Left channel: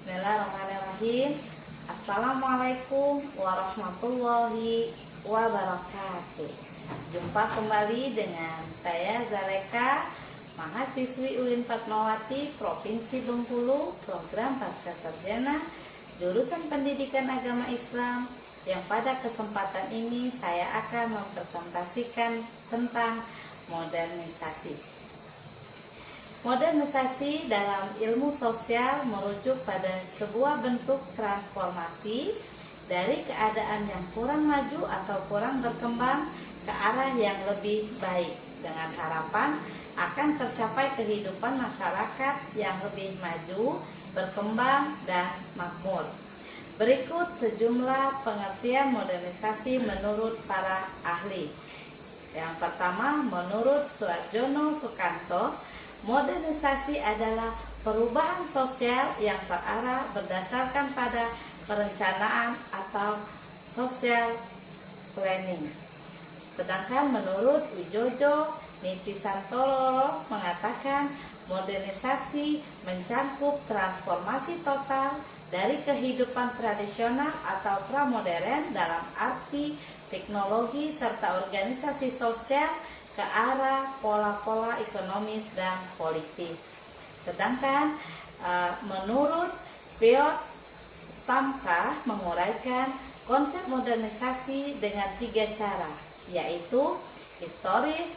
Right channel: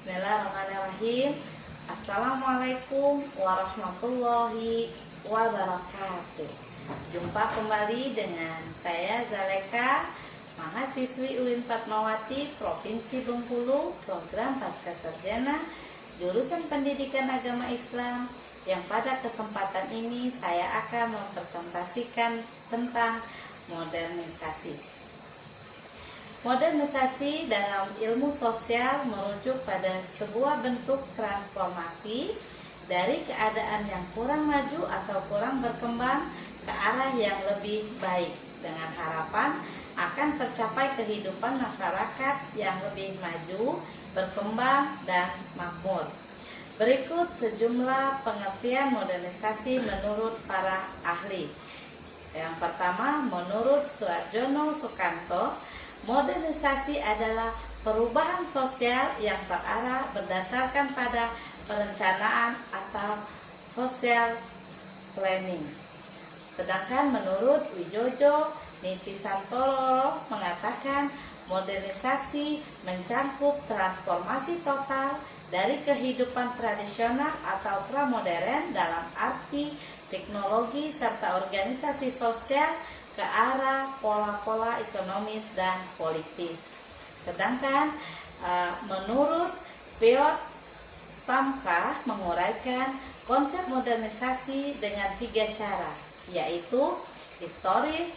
Bismillahirrahmanirrahim. Assalamualaikum warahmatullahi wabarakatuh. Jumpa kembali dengan saya Zaleka, mahasiswi UIN Fatmawati, Provinsi Bengkulu, program Pascasarjana, jurusan Pendidikan Agama Islam, yang pada kesempatan ini saya akan mempresentasikan tentang modernisasi. Modernisasi dalam ilmu sosial merujuk pada sebuah bentuk transformasi dari keadaan yang kurang maju atau kurang berkembang ke arah yang lebih baik, dengan harapan akan tercapai kehidupan masyarakat yang lebih maju, berkembang, dan makmur. Berikut sejumlah pengertian modernisasi menurut para ahli. Yang pertama, menurut Suarjono Sukanto, modernisasi adalah perubahan sosial yang terarah berdasarkan pada perencanaan atau social planning. Sedangkan menurut Wijojo Nitisantoro mengatakan modernisasi mencakup transformasi total dari kehidupan tradisional atau pramodern dalam arti teknologi serta organisasi sosial ke arah pola-pola ekonomis dan politis. Sedangkan menurut Piotr Stamka menguraikan konsep modernisasi dengan 3 cara, yaitu historis,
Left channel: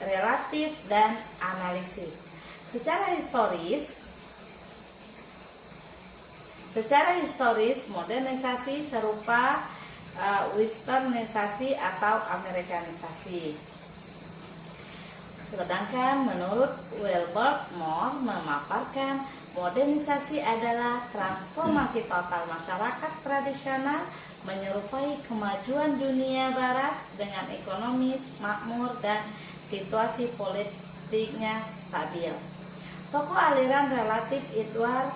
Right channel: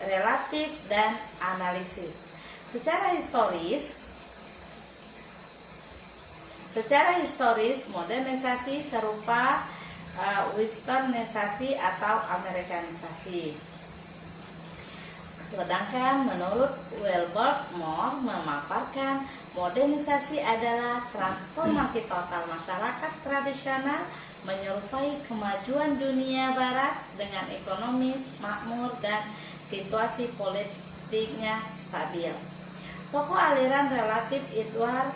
relatif, dan analisis. Secara historis modernisasi serupa westernisasi atau amerikanisasi. Sedangkan menurut Wilbert Moore memaparkan modernisasi adalah transformasi total masyarakat tradisional menyerupai kemajuan dunia barat dengan ekonomis makmur dan situasi politiknya stabil. Tokoh aliran relatif Edward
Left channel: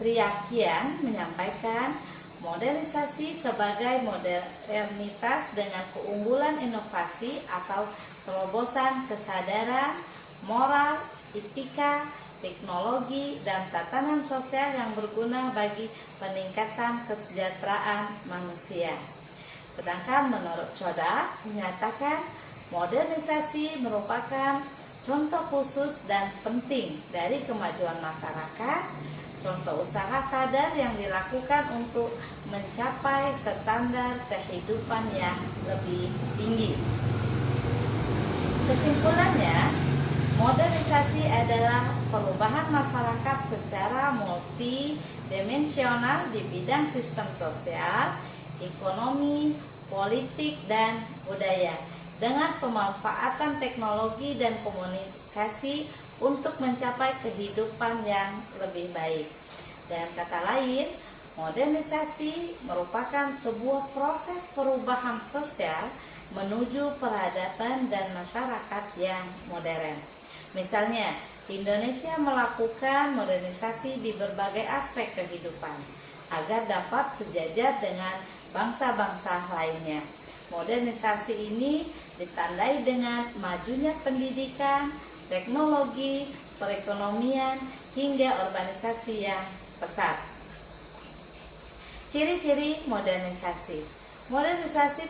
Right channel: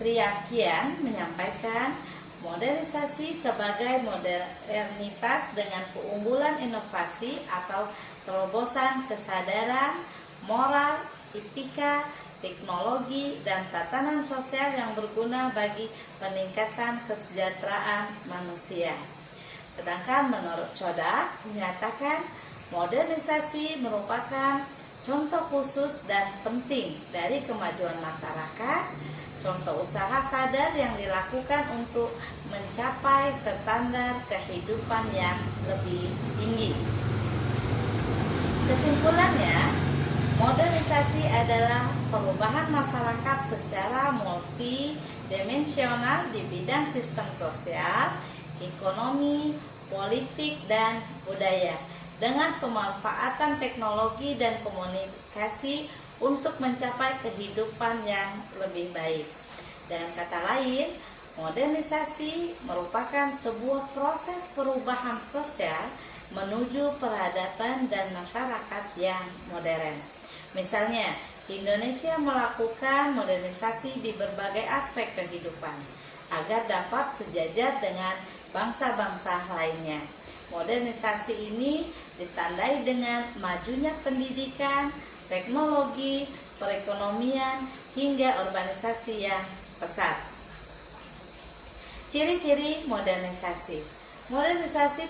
Triakian menyampaikan modernisasi sebagai modernitas dengan keunggulan inovasi atau terobosan kesadaran, moral, etika, teknologi, dan tatanan sosial yang berguna bagi peningkatan kesejahteraan manusia. Sedangkan menurut Chodak menyatakan modernisasi merupakan contoh khusus dan penting dari kemajuan masyarakat, contoh usaha sadar yang dilakukan untuk mencapai standar kehidupan yang lebih tinggi. Kesimpulannya, modernisasi adalah perubahan masyarakat secara multidimensional di bidang sistem sosial, ekonomi, politik, dan budaya dengan pemanfaatan teknologi dan komunikasi untuk mencapai kehidupan yang lebih baik. Dengan kata lain, modernisasi merupakan sebuah proses perubahan sosial menuju peradaban dan masyarakat yang modern. Misalnya, Indonesia melakukan modernisasi di berbagai aspek kehidupan agar dapat sejajar dengan bangsa-bangsa lainnya. Modernisasi ini ditandai dengan majunya pendidikan, teknologi, perekonomian, hingga urbanisasi yang pesat. Ciri-ciri modernisasi. Modernisasi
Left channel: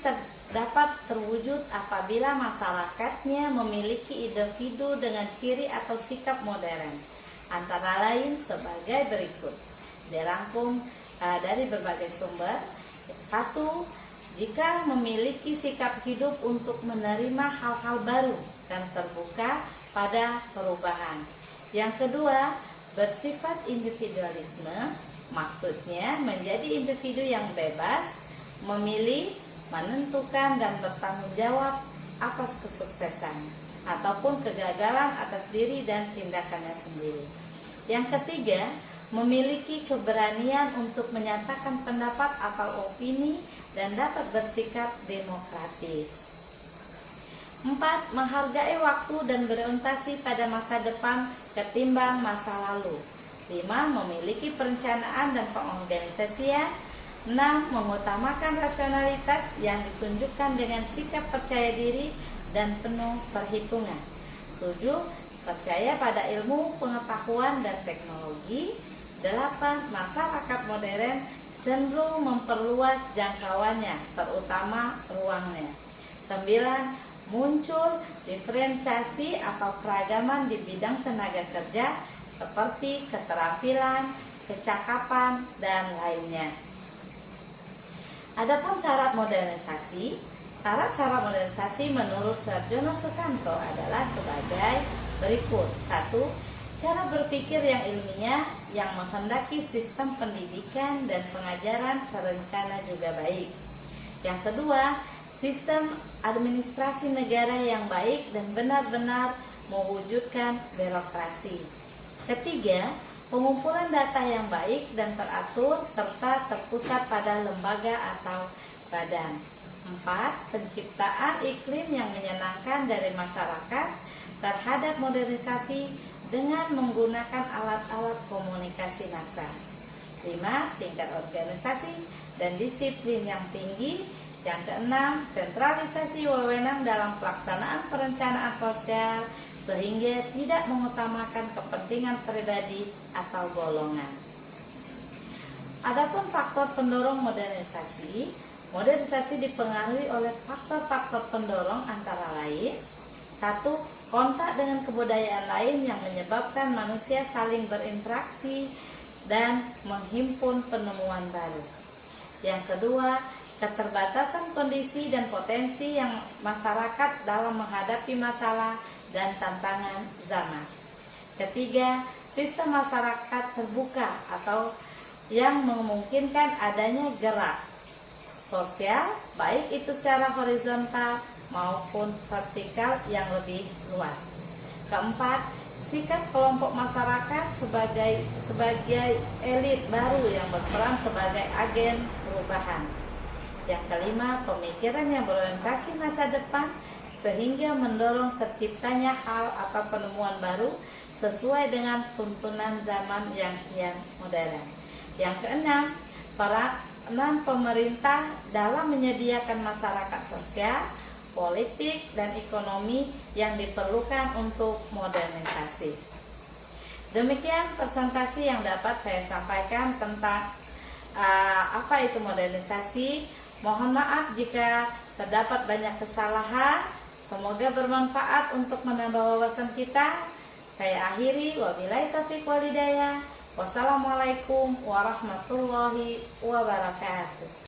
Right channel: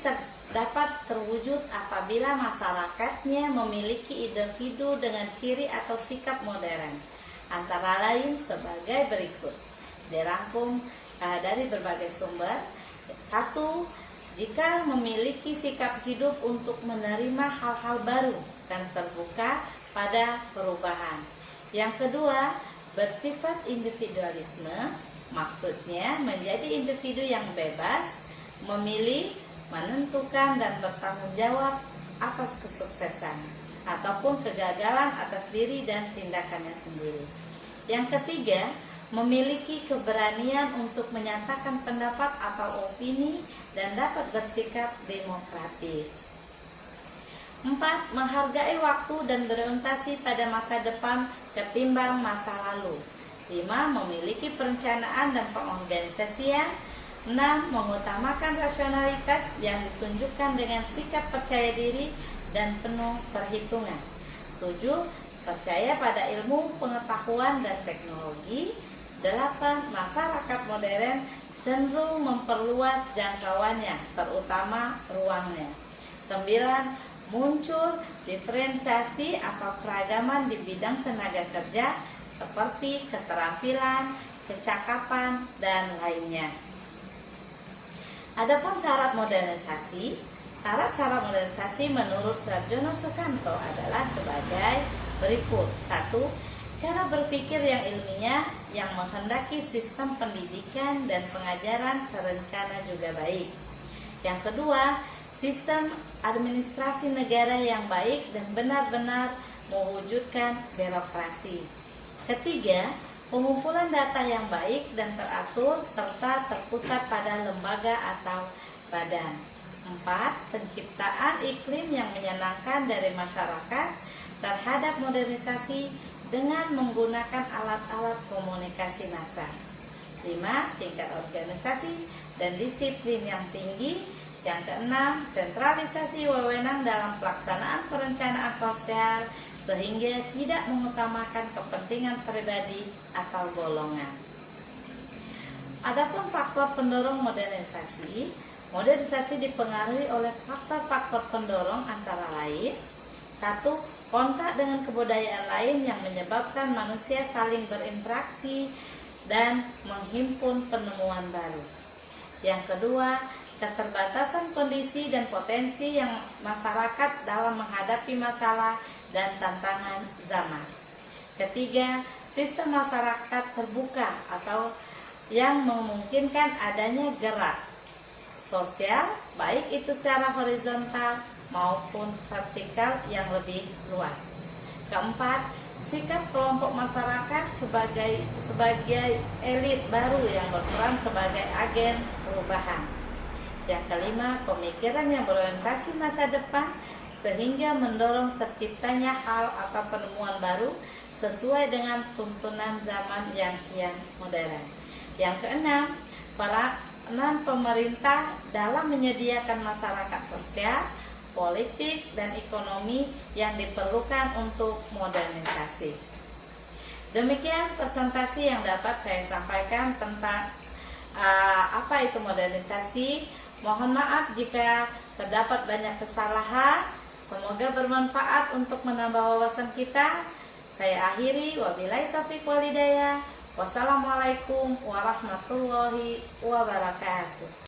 dapat terwujud apabila masyarakatnya memiliki individu dengan ciri atau sikap modern, antara lain sebagai berikut. Dirangkum dari berbagai sumber. 1. Jika memiliki sikap hidup untuk menerima hal-hal baru dan terbuka pada perubahan. Yang kedua, bersifat individualisme, maksudnya menjadi individu yang bebas, memilih, menentukan, dan bertanggung jawab atas kesuksesan ataupun kegagalan atas diri dan tindakannya sendiri. Yang ketiga, memiliki keberanian untuk menyatakan pendapat atau opini dan dapat bersikap demokratis. 4. Menghargai waktu dan berorientasi pada masa depan ketimbang masa lalu. 5. Memiliki perencanaan dan pengorganisasian. 6. Mengutamakan rasionalitas yang ditunjukkan dengan sikap percaya diri dan penuh perhitungan. 7. Percaya pada ilmu, pengetahuan, dan teknologi. 8. Masyarakat modern cenderung memperluas jangkauannya, terutama ruangnya. 9. Muncul diferensiasi atau keragaman di bidang tenaga kerja seperti keterampilan, kecakapan, dan lainnya. Adapun syarat modernisasi, syarat-syarat modernisasi menurut Sarjono Sukanto adalah sebagai berikut. 1. Cara berpikir yang ilmiah yang menghendaki sistem pendidikan dan pengajaran terencana juga baik. Yang kedua, sistem administrasi negara yang baik dan benar-benar mewujudkan birokrasi. Ketiga, pengumpulan data yang baik dan teratur serta terpusat pada lembaga atau badan. 4. Penciptaan iklim yang menyenangkan dari masyarakat terhadap modernisasi dengan menggunakan alat-alat komunikasi massal. 5. Tingkat organisasi dan disiplin yang tinggi. Yang keenam, sentralisasi wewenang dalam pelaksanaan perencanaan sosial sehingga tidak mengutamakan kepentingan pribadi atau golongan. Adapun faktor pendorong modernisasi, modernisasi dipengaruhi oleh faktor-faktor pendorong antara lain. 1. Kontak dengan kebudayaan lain yang menyebabkan manusia saling berinteraksi dan menghimpun penemuan baru. Yang kedua, keterbatasan kondisi dan potensi yang masyarakat dalam menghadapi masalah dan tantangan zaman. Ketiga, sistem masyarakat terbuka atau yang memungkinkan adanya gerak sosial, baik itu secara horizontal maupun vertikal yang lebih luas. Keempat, sikap kelompok masyarakat sebagai elit baru yang berperan sebagai agen perubahan. Yang kelima, pemikiran yang berorientasi masa depan sehingga mendorong terciptanya hal atau penemuan baru sesuai dengan tuntunan zaman yang kian modern. Yang keenam, peranan pemerintah dalam menyediakan masyarakat sosial, politik, dan ekonomi yang diperlukan untuk modernisasi. Demikian presentasi yang dapat saya sampaikan tentang apa itu modernisasi. Mohon maaf jika terdapat banyak kesalahan. Semoga bermanfaat untuk menambah wawasan kita. Saya akhiri, wabillahi taufiq wal hidayah. Wassalamualaikum warahmatullahi wabarakatuh.